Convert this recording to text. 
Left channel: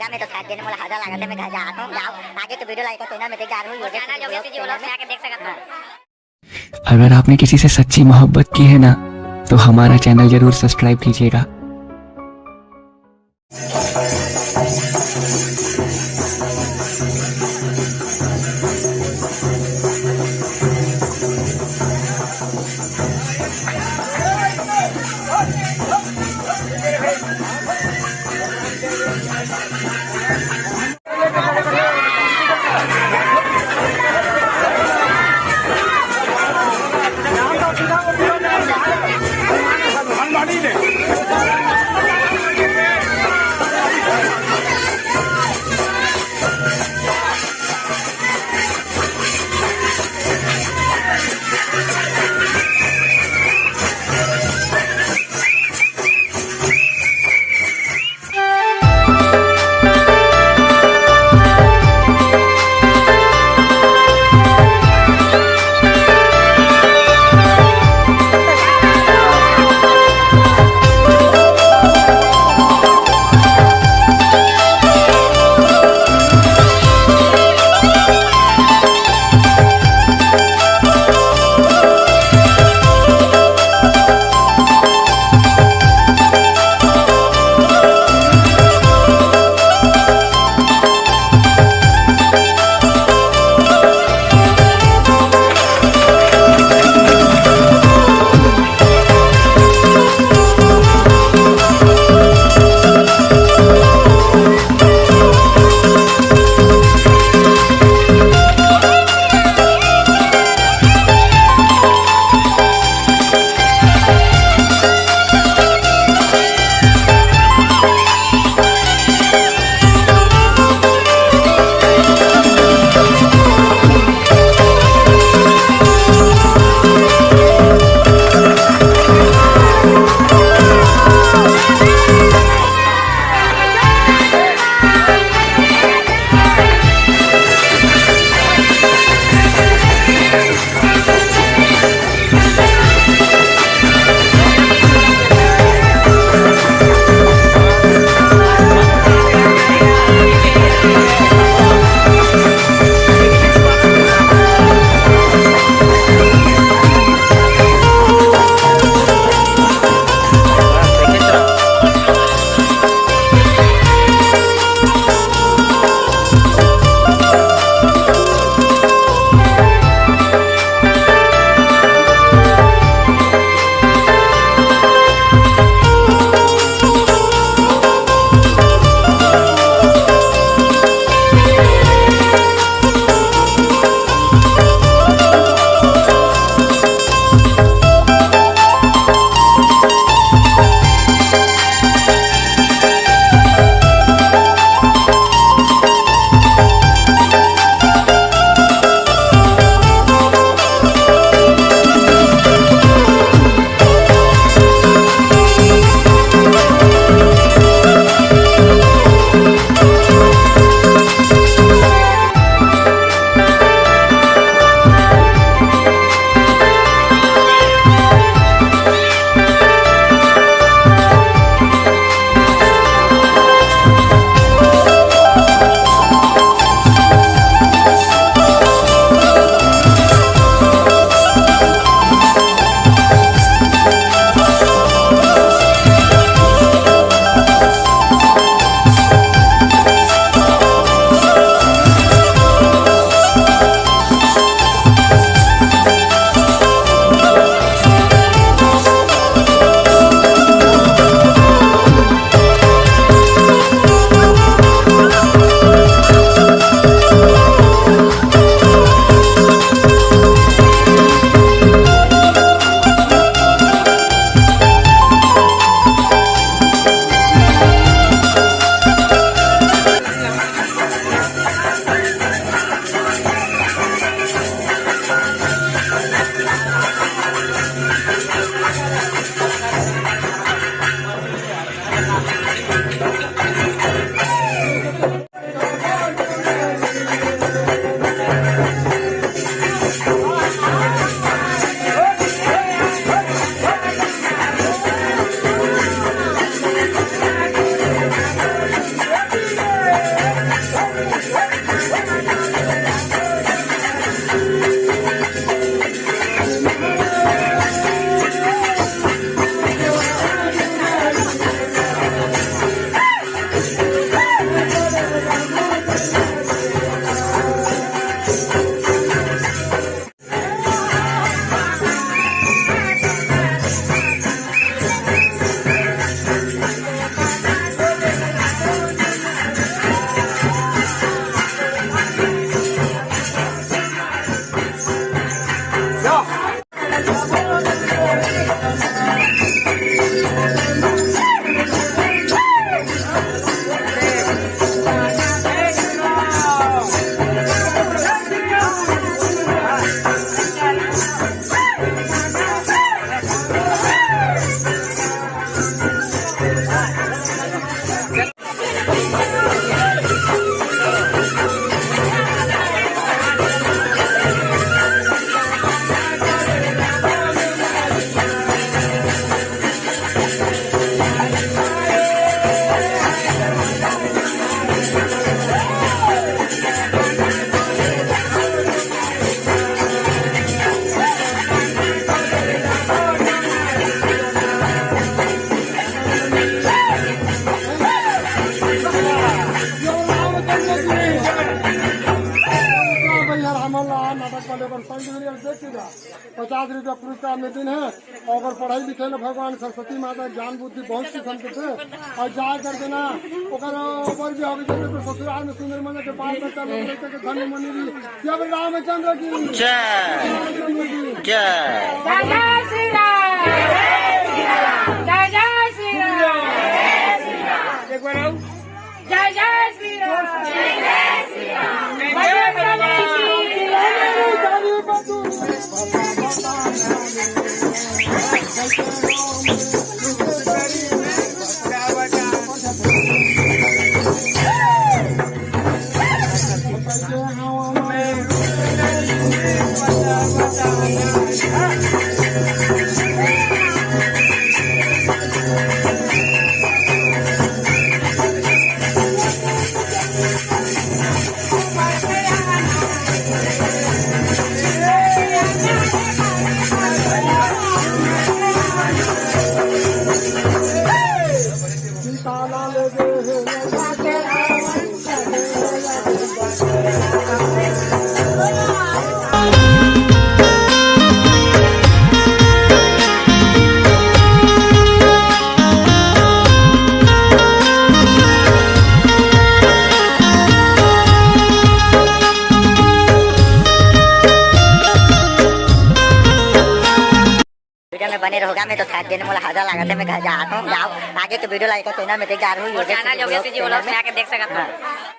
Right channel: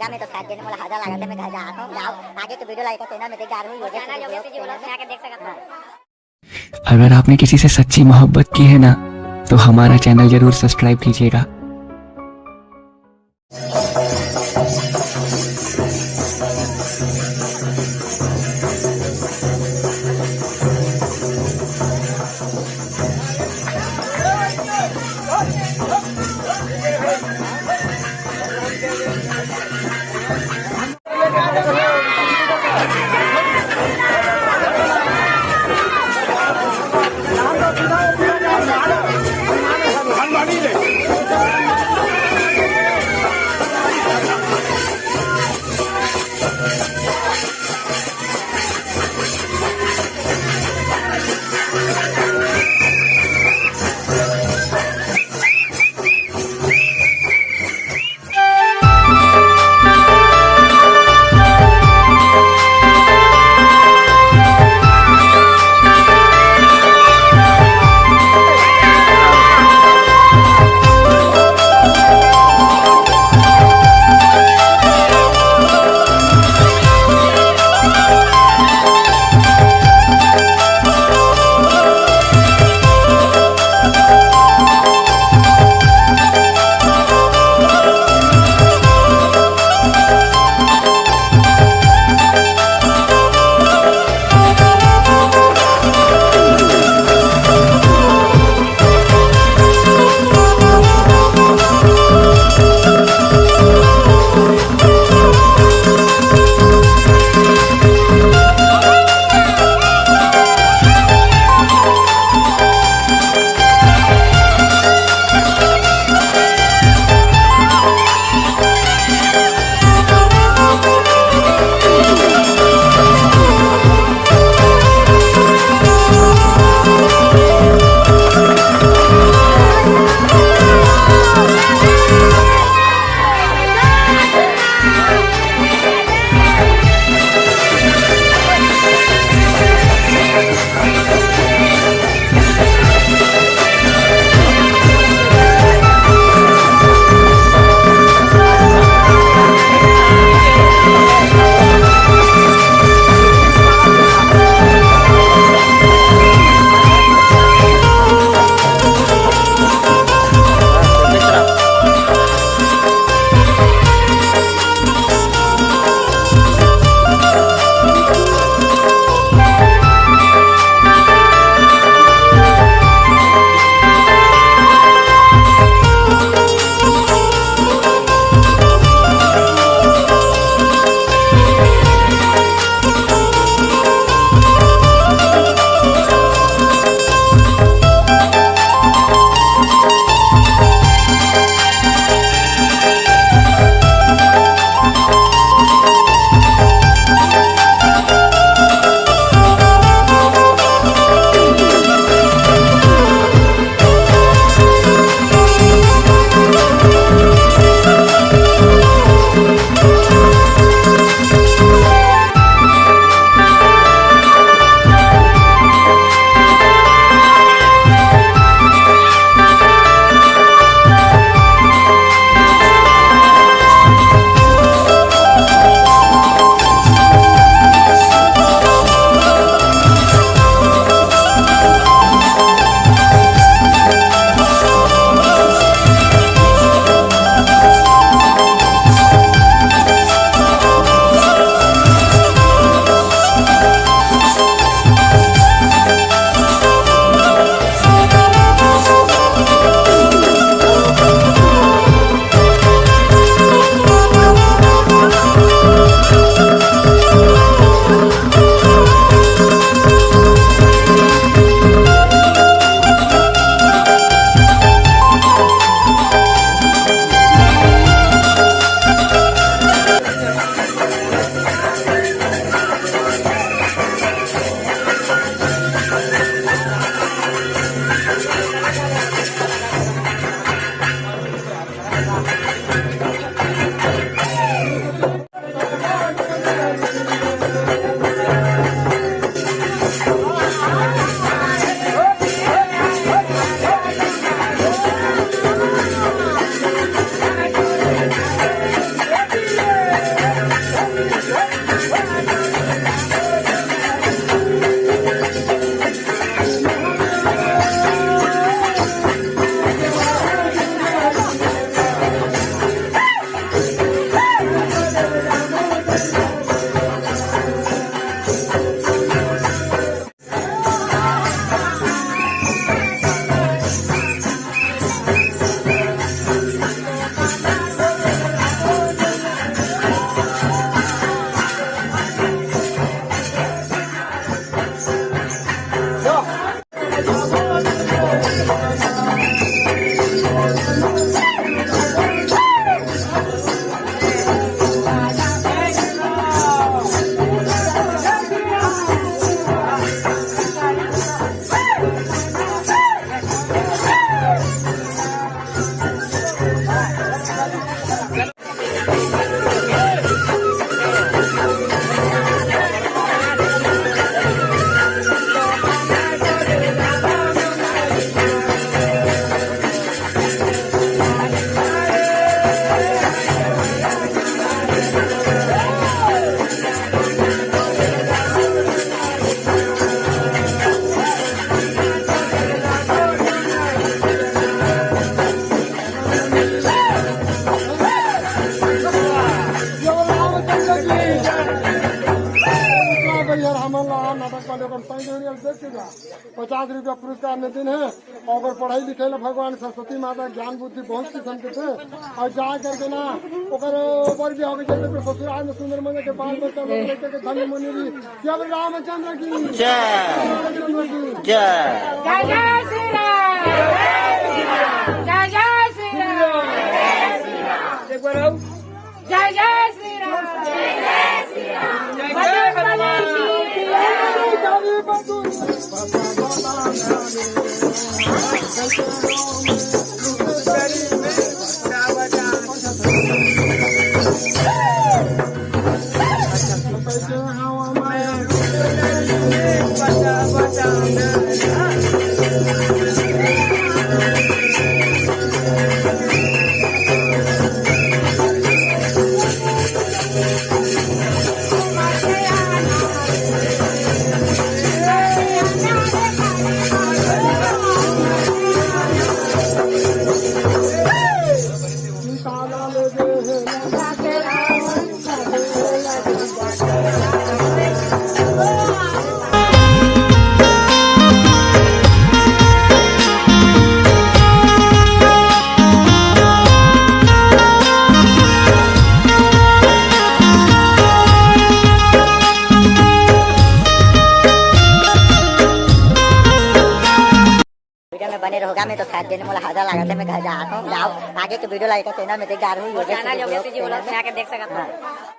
होगा। मैं तो थक देने वाला हजार लगा था, मैं घर जा रहा हूँ। जाओ आगे तो वीडियो लाइक करना, मैं देख जा रहा हूँ चैनल जो भी व्लॉग में आके देख सकता हूँ। अगर आपने किसी से सच्ची मोहब्बत की है ना, तो हमारा चैनल जरूर सब्सक्राइब कीजिएगा। पास वाले को देखिएगा 50 रुपया पुरस्कार में दिन है। और अगर पढ़ाई लिखे ना भगवान सरस्वती माता ज्ञान बुद्धि बहुत किस्म के थे और जाए करके ना ऊपर भी होगी जैसे ससुराल में सुंदर मन के बाल बच्चा लोग लेकर के धन्य मनी भी जब रामचंद्र की एक बार आओ। जय जय श्री राम, जय जय श्री राम, जय जय वीडियो में बने रहोगा। मैं तो खाद देने वाला हजार लगाते मैं घर जा रहा हूँ। जाओ आगे के वीडियो लाइक चैनल में देख जा रहा हूँ। चैनल जो भी आके देख सकता हूँ।